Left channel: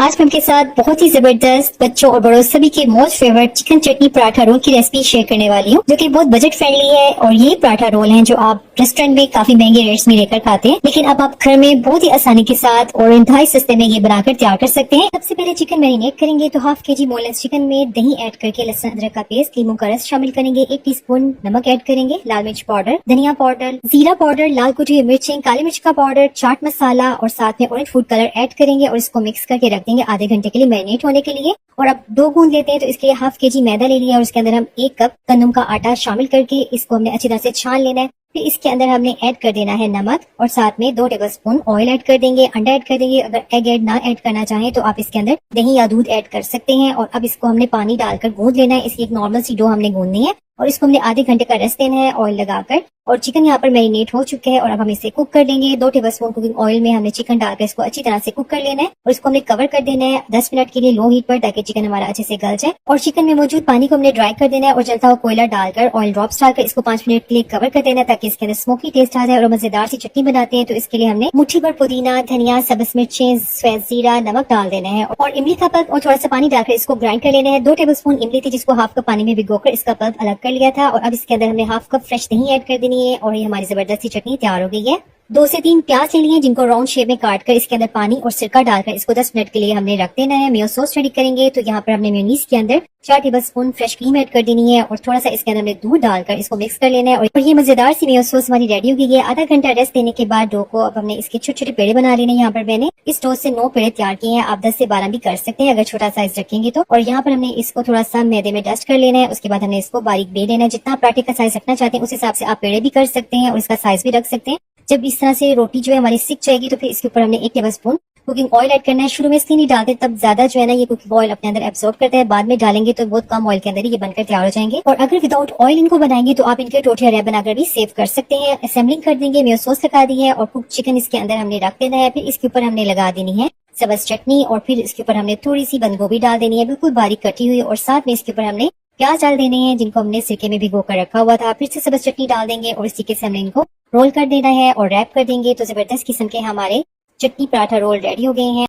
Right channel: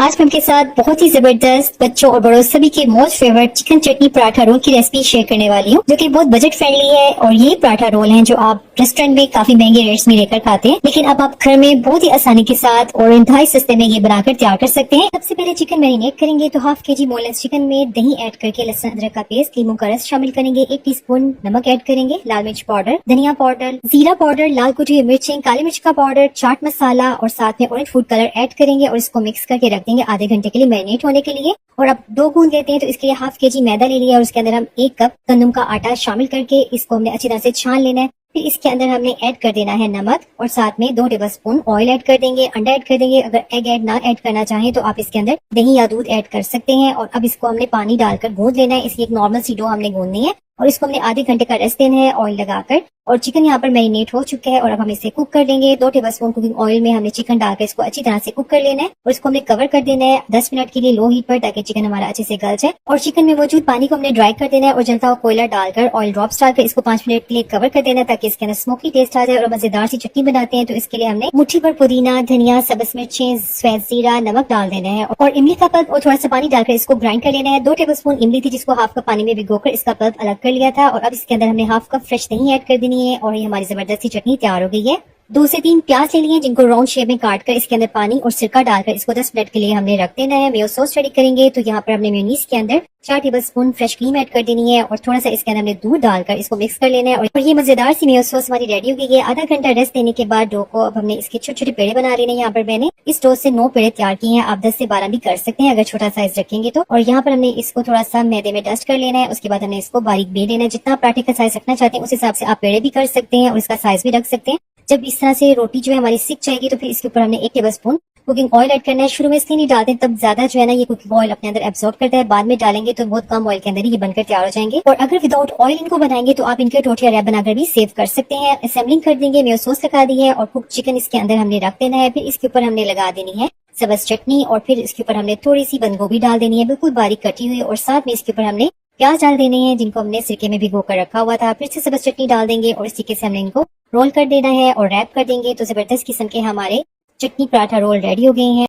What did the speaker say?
आज मैं आपके साथ बहुत ही जबरदस्त बच्चों और बड़ों सभी के मोस्ट फेवरेट चिकन चटनी पराठा रोल की रेसिपी शेयर करने वाली हूँ, जो कि बहुत बजट फ्रेंडली है। और ये पराठा रोल हैं जो आप रेस्टोरेंट में काफी महंगे रेट्स में लेकर खाते हैं, लेकिन अब आप घर में बहुत ही आसानी के साथ और इंतहाई सस्ते में ये बनाकर तैयार कर सकते हैं। सबसे पहले चिकन मैरिनेट करेंगे, तो हाफ के जी बोनलेस चिकन में दही ऐड करके लहसुन अदरक का पेस्ट, लीमू का रस शामिल करेंगे, 1 टीस्पून नमक ऐड करेंगे, लाल मिर्च पाउडर, धनिया पाउडर, जीरा पाउडर, लाल कुटी हुई मिर्चें, काली मिर्च का पाउडर, चाट मसाला और साथ में ऑरेंज फूड कलर ऐड करेंगे और इसको मिक्स करके रख देंगे आधे घंटे के लिए मैरिनेट होने के लिए। और अब 2 गूंद लेते हैं, तो इसके लिए हाफ के जी मैदा ले लिया और उसके अंदर हम 1 कप गंदम का आटा शामिल करके इसको हमने अच्छी तरह से छान लेना है। फिर इसके अंदर हमने ऐड कर देना है नमक और साथ में 2 टेबलस्पून ऑयल ऐड कर देंगे, अंडा ऐड कर देंगे। अगर एग ऐड ना ऐड करना चाहें तो आप इसके अंदर दही या दूध ऐड कर सकते हैं। और अब इसको हमने पानी डालकर गूंद लेना है। इसकी एक नॉर्मल सी डो हमने गूंदनी है और इसको हमने आधे घंटे का रेस्ट देना है ऑयल लगाकर। और चिकन यहाँ पर मैरिनेट हो चुका है और अब हम इसे कुक कर देंगे। 2 टेबलस्पून कुकिंग ऑयल में हमने चिकन डालकर इसको अच्छी तरह से कुक कर लेना है और इसको हमने कवर कर देना है 10 मिनट के लिए लो हीट पर, ताकि चिकन हमारा अच्छे से गल जाए। और चिकन में मौजूद पानी को हमने ड्राई कर देना है और जलता हुआ कोयला डालकर ऑयल ड्रॉप्स डालकर इसको 5 मिनट के लिए कवर कर देना है, ताकि इसके अंदर स्मोकी टेस्ट आ जाए और मजेदार सी चटनी बनाते हैं। तो इसके लिए हमने मुट्ठी भर पुदीना, धनिया, सब्ज मिर्चें, सफेद जीरा, नमक डाल देना है और इमली का पल्प और थोड़ा सा पानी डालकर इसको ग्राइंड कर लेना है। 2 टेबलस्पून इमली थी जिसको हाफ कप पानी में भिगोकर इसका पल्प अलग कर लिया था। और अब इसके अंदर हमने हाफ कप फ्रेश दही ऐड कर देनी है और ये हमारी जबरदस्ती चटनी तैयार हो गई है। 2 से 3 प्याज ले लिए जिनको राउंड शेप में काट कर इसके अंदर पानी और सिरका डालकर इसको 10 मिनट के लिए हमने रख देना है। मेयो सॉस रेडी करेंगे, तो यहाँ पर हमने मेयोनीज के अंदर 4 टेबलस्पून फ्रेश क्रीम ऐड कर देनी है और थोड़ा सा इसके अंदर हमने दूध डालकर इसको मिक्स कर लेना है। और ये मजेदार सी मेयो सॉस हमारी रेडी हो गई है। आधा घंटा रेस्ट देने के बाद डो को अब हमने इसके छोटे छोटे पेड़े बना लेने। यहाँ पर मैंने इस डो से 9 पेड़े तैयार किए हैं, आप 10 से 12 भी कर सकते हैं अगर छोटा साइज रखेंगे तो। और यहाँ पर हमने इसको थोड़ा सा मैदे में डस्ट कर लेना है। उसके बाद हमने इसको बारीक बेल लेना है। जितना पराठे का साइज रखना चाहते हैं उस हिसाब से आप पेड़े भी कर सकते हैं और इसका साइज भी रख सकते हैं। जब इस तरह से रोटी जो है हमारी सिक जाएगी तो फिर इसके ऊपर हमने 1 टेबलस्पून कुकिंग ऑयल ऐड करना है। शुरू में इसलिए नहीं डालते, तब ज्यादा जो है ना ये कुकिंग ऑयल अपने अंदर एब्सॉर्ब करता है। बाद में डालेंगे तो बहुत कम ऑयल के अंदर ये बनकर तैयार हो जाएंगे। और अगर विदाउट ऑयल इनको बनाएंगे तो आप इनके टोटिया रैप बनाकर भी सेव कर सकते हैं। असेंबलिंग कर देंगे, मेयो सॉस लगा दी है और कुक चिकन इसके अंदर हमने रख देना है। फिर इसके ऊपर हमने लगा देनी है सब्ज चटनी और फिर इसके ऊपर हमने थोड़ी सी बंद गोभी डाल देनी है, बिल्कुल बारीक कटी हुई। और साथ में इसके ऊपर हमने प्याज डाल देने हैं जिनको हमने सिरके में भिगो कर रखा हुआ था। फिर से सब्ज चटनी डाल देंगे और इस तरीके से हमने इनको रोल कर देना है और रैप कर देंगे। तो जबरदस्त किस्म के हमारे चटनी पराठा रोल रेडी हो गए हैं।